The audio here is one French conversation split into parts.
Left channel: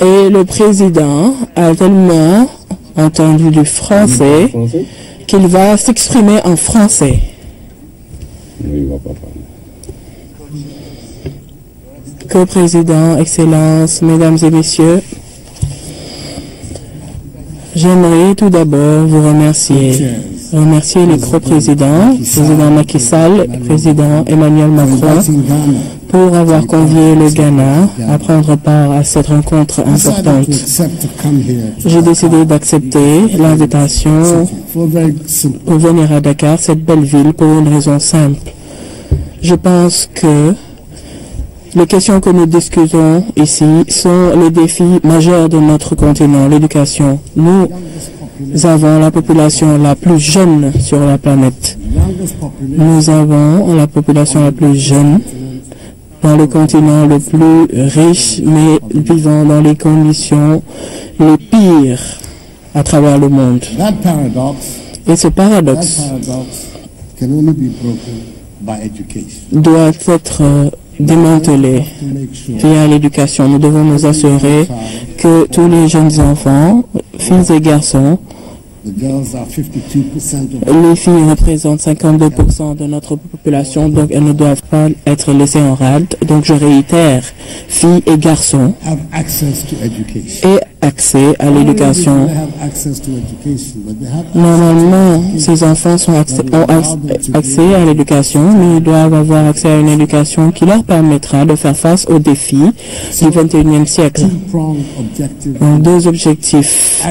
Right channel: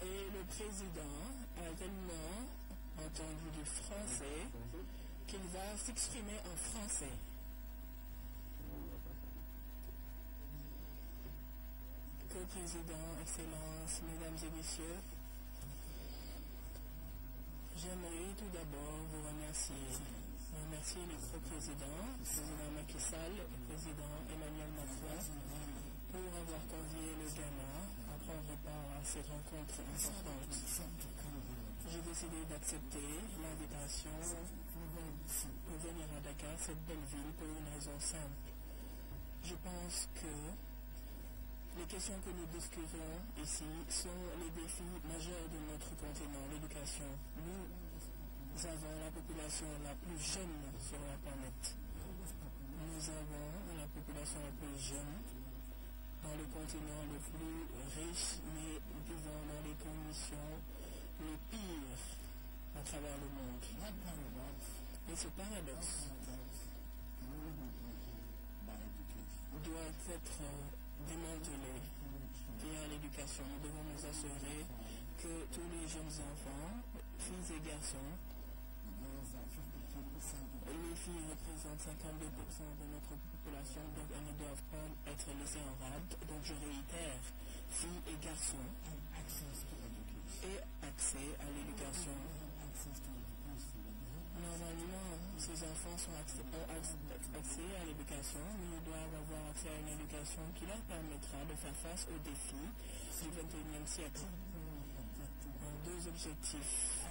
Et le président a tellement entendu du français qu'il va s'exprimer en français. Co-président, Excellences, Mesdames et Messieurs, j'aimerais tout d'abord vous remercier les co-présidents, président Macky Sall, président Emmanuel Macron, pour avoir convié le Ghana à prendre part à cette rencontre importante. J'ai décidé d'accepter l'invitation pour venir à Dakar, cette belle ville, pour une raison simple. Je pense que les questions que nous discutons ici sont les défis majeurs de notre continent, l'éducation. Nous avons la population la plus jeune sur la planète. Nous avons la population la plus jeune dans le continent le plus riche, mais vivant dans les conditions les pires à travers le monde. Et ce paradoxe doit être démantelé via l'éducation. Nous devons nous assurer que tous les jeunes enfants, filles et garçons, les filles représentent 52% de notre population, donc elles ne doivent pas être laissées en rade. Donc je réitère, filles et garçons aient accès à l'éducation. Normalement, ces enfants ont accès à l'éducation, mais ils doivent avoir accès à une éducation qui leur permettra de faire face aux défis du 21e siècle. Donc, deux objectifs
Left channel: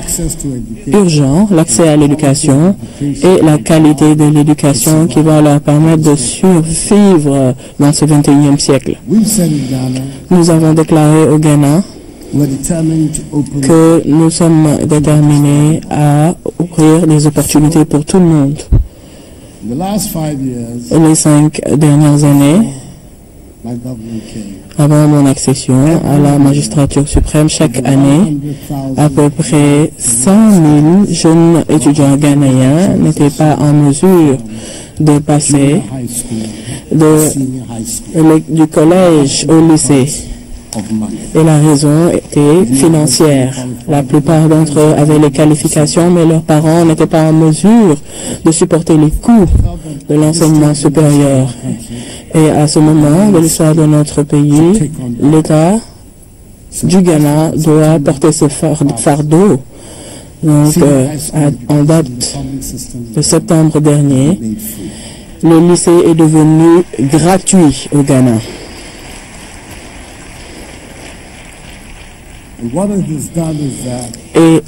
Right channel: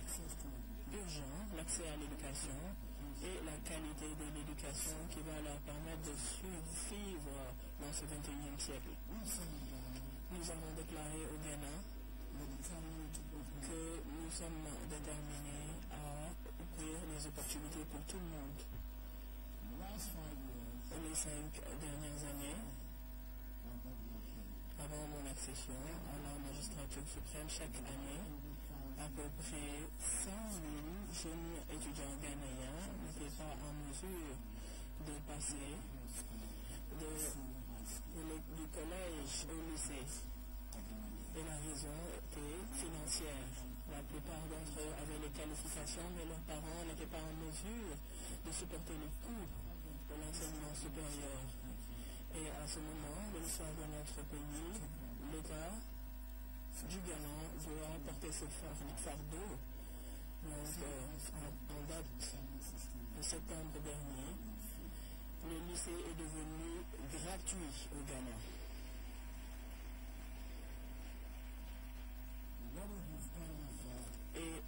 urgents, l'accès à l'éducation et la qualité de l'éducation qui va leur permettre de survivre dans ce 21e siècle. Nous avons déclaré au Ghana que nous sommes déterminés à ouvrir des opportunités pour tout le monde. Les 5 dernières années, avant mon accession à la magistrature suprême, chaque année, à peu près 100 000 jeunes étudiants ghanéens n'étaient pas en mesure de passer du collège au lycée. Et la raison était financière. La plupart d'entre eux avaient les qualifications, mais leurs parents n'étaient pas en mesure de supporter les coûts de l'enseignement supérieur. Et à ce moment de l'histoire de notre pays, l'État du Ghana doit porter ce fardeau. Donc, en date de septembre dernier, le lycée est devenu gratuit au Ghana. Et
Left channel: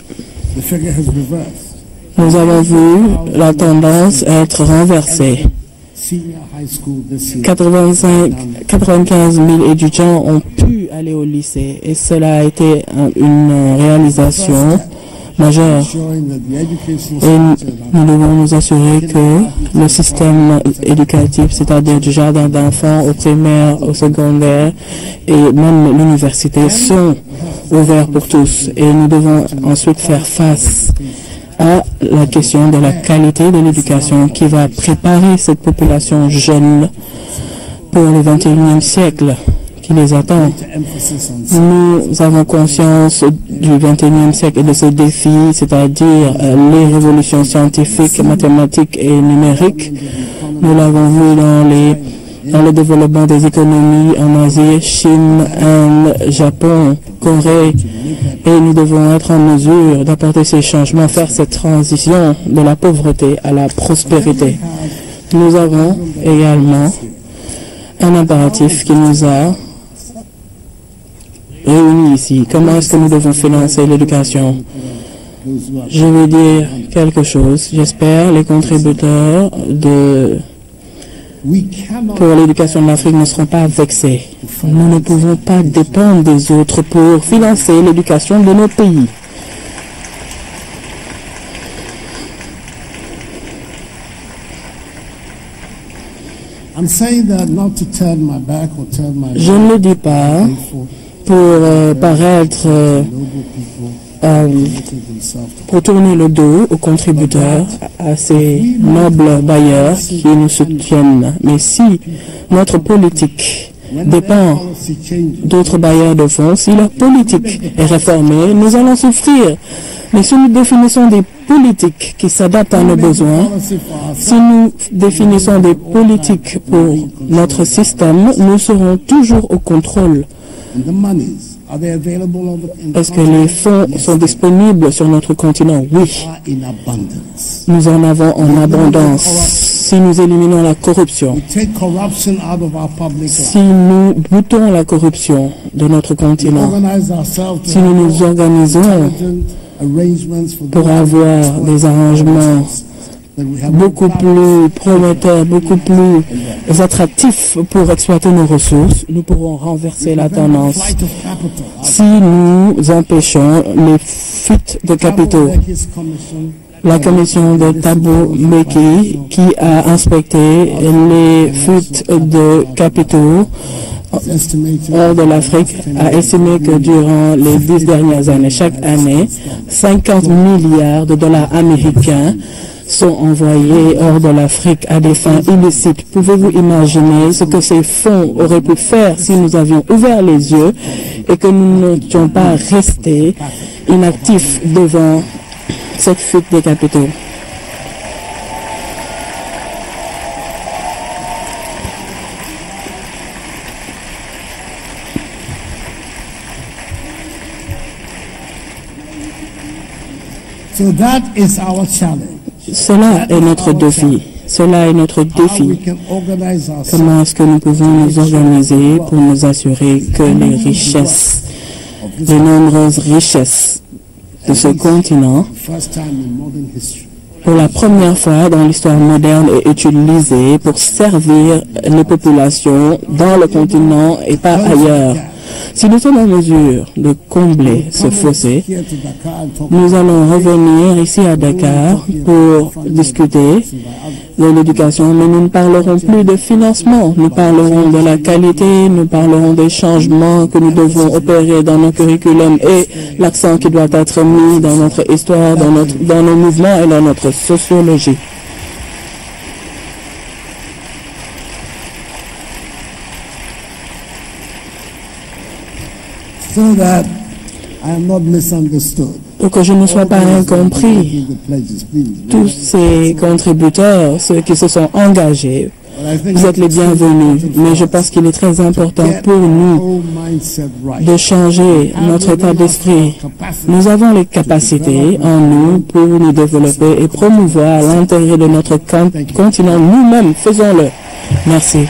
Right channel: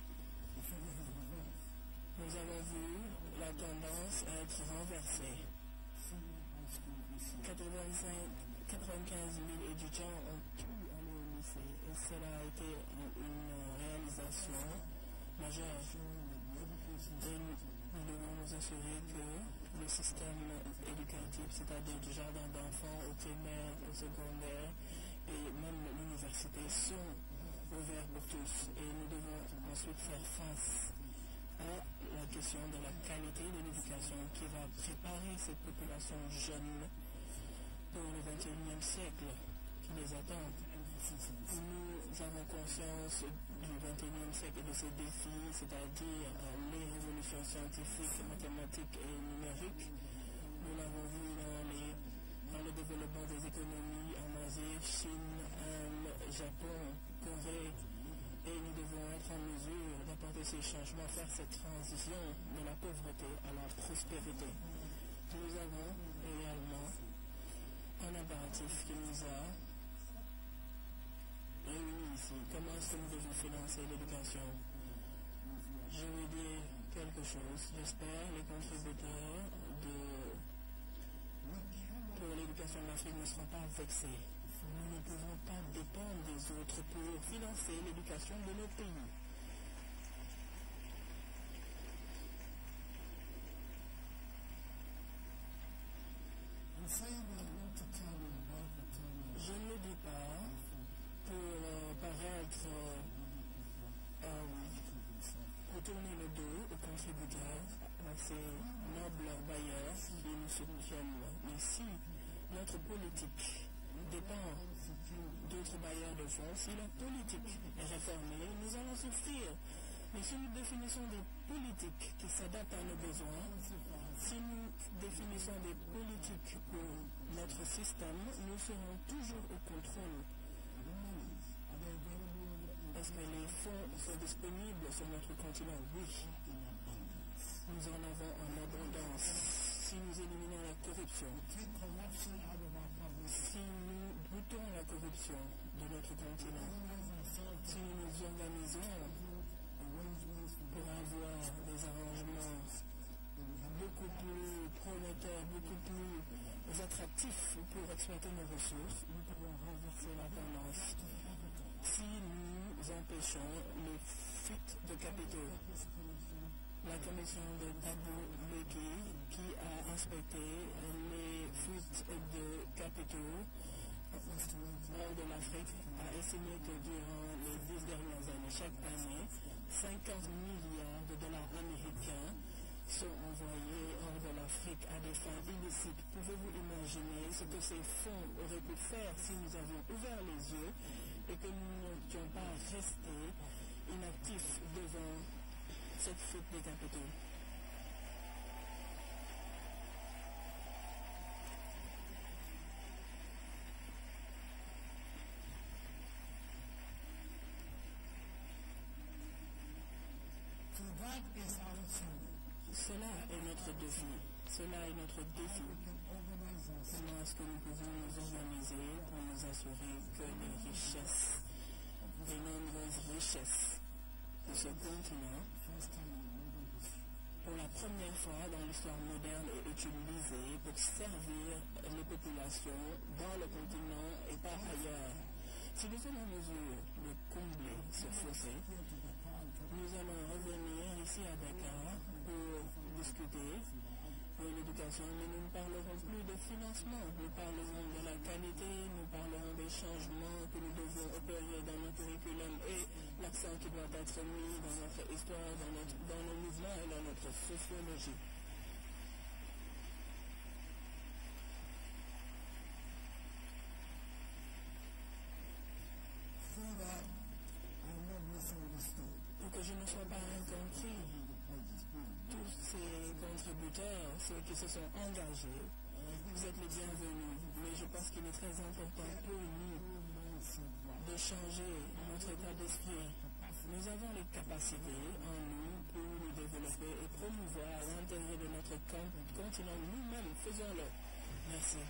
nous avons vu la tendance être renversée. 95 000 étudiants ont pu aller au lycée et cela a été une réalisation majeure. Et nous devons nous assurer que le système éducatif, c'est-à-dire du jardin d'enfants au primaire, au secondaire et même l'université, sont ouverts pour tous. Et nous devons ensuite faire face à la question de la qualité de l'éducation qui va préparer cette population jeune pour le 21e siècle qui les attend. Nous avons conscience du 21e siècle et de ses défis, c'est-à-dire les révolutions scientifiques, mathématiques et numériques. Nous l'avons vu dans le développement des économies en Asie, Chine, Inde, Japon, Corée. Et nous devons être en mesure d'apporter ces changements, faire cette transition de la pauvreté à la prospérité. Nous avons également un impératif qui nous a réunis ici. Comment est-ce que nous devons financer l'éducation? Je vais dire quelque chose. J'espère les contributeurs pour l'éducation de l'Afrique ne seront pas vexés. Nous ne pouvons pas dépendre des autres pour financer l'éducation de nos pays. Je ne le dis pas pour paraître pour tourner le dos aux contributeurs, à ces nobles bailleurs qui nous soutiennent. Mais si notre politique dépend d'autres bailleurs de fonds. Si leur politique est réformée, nous allons souffrir. Mais si nous définissons des politiques qui s'adaptent à nos besoins, si nous définissons des politiques pour notre système, nous serons toujours au contrôle. Est-ce que les fonds sont disponibles sur notre continent? Oui. Nous en avons en abondance. Si nous éliminons la corruption, si nous boutons la corruption de notre continent, si nous nous organisons pour avoir des arrangements beaucoup plus prometteurs, beaucoup plus attractifs pour exploiter nos ressources, nous pourrons renverser la tendance. Si nous empêchons les fuites de capitaux, la commission de Thabo Mbeki qui a inspecté les fuites de capitaux hors de l'Afrique a estimé que durant les 10 dernières années, chaque année, 50 milliards de dollars américains sont envoyés hors de l'Afrique à des fins illicites. Pouvez-vous imaginer ce que ces fonds auraient pu faire si nous avions ouvert les yeux et que nous n'étions pas restés inactifs devant cette fuite des capitaux? So that is our challenge. Cela est notre défi. Cela est notre défi. Comment est-ce que nous pouvons nous organiser pour nous assurer que les richesses, les nombreuses richesses de ce continent, pour la première fois dans l'histoire moderne, est utilisée pour servir les populations dans le continent et pas ailleurs? Si nous sommes en mesure de combler ce fossé, nous allons revenir ici à Dakar pour discuter de l'éducation, mais nous ne parlerons plus de financement. Nous parlerons de la qualité, nous parlerons des changements que nous devons opérer dans nos curriculums et l'accent qui doit être mis dans notre histoire, dans nos mouvements et dans notre sociologie. So that I am not misunderstood. Pour que je ne sois pas incompris, tous ces contributeurs, ceux qui se sont engagés, vous êtes les bienvenus. Mais je pense qu'il est très important pour nous de changer notre état d'esprit. Nous avons les capacités en nous pour nous développer et promouvoir l'intérêt de notre continent. Nous-mêmes, faisons-le. Merci.